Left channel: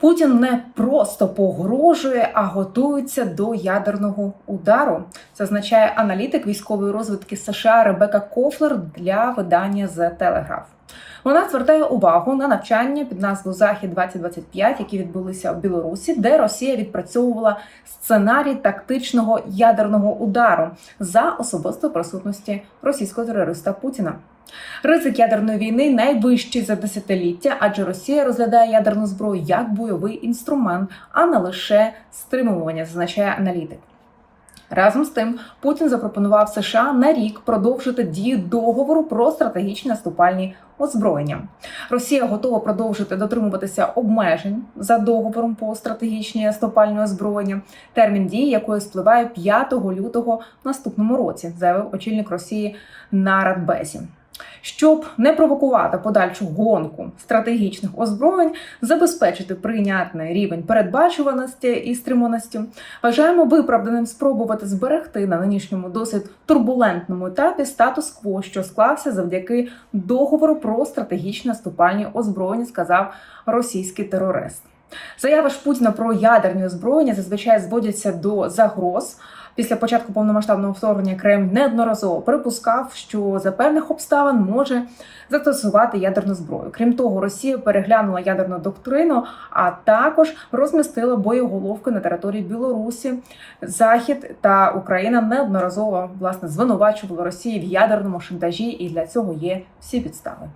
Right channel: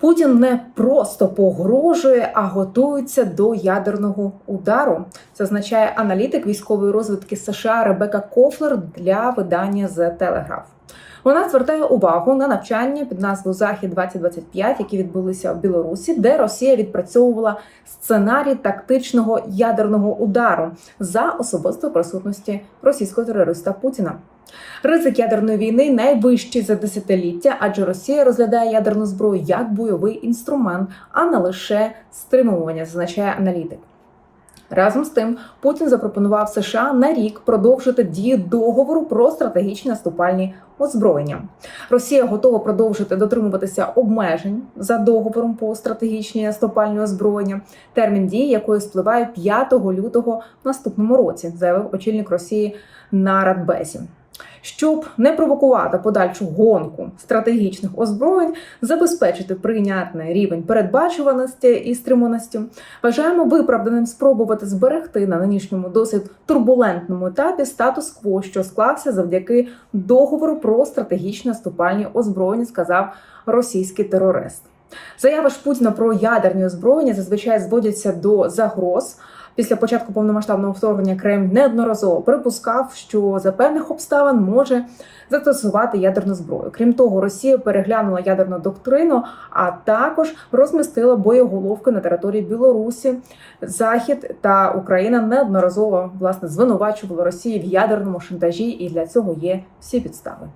Путін не просто погрожує, а готується до ядерного удару. Це означає аналітик військової розвитки США Ребека Кофлер для видання The Telegraph. Вона звертає увагу на навчання під назвою Захід 2025 які відбулися в Білорусі, де Росія відпрацьовувала сценарій тактичного ядерного удару за особистої присутності російського терориста Путіна. Ризик ядерної війни найвищий за десятиліття, адже Росія розглядає ядерну зброю як бойовий інструмент, а не лише стримування, зазначає аналітик. Разом з тим, Путін запропонував США на рік продовжити дію договору про стратегічні наступальні озброєння. Росія готова продовжити дотримуватися обмежень за договором по стратегічні наступальні озброєння, термін дії якої спливає 5 лютого наступному році, заявив очільник Росії на Радбезі. Щоб не провокувати подальшу гонку стратегічних озброєнь, забезпечити прийнятний рівень передбачуваності і стриманості, вважаємо виправданим спробувати зберегти на нинішньому досить турбулентному етапі статус-кво, що склався завдяки договору про стратегічні наступальні озброєння, сказав російський терорист. Заяви Путіна про ядерні озброєння зазвичай зводяться до загроз. Після початку повномасштабного вторгнення Кремль неодноразово припускав, що за певних обставин може застосувати ядерну зброю. Крім того, Росія переглянула ядерну доктрину, а також розмістила боєголовки на території Білорусі. Захід та Україна неодноразово власне звинувачували Росію в ядерному шантажі, і для цього є всі підстави.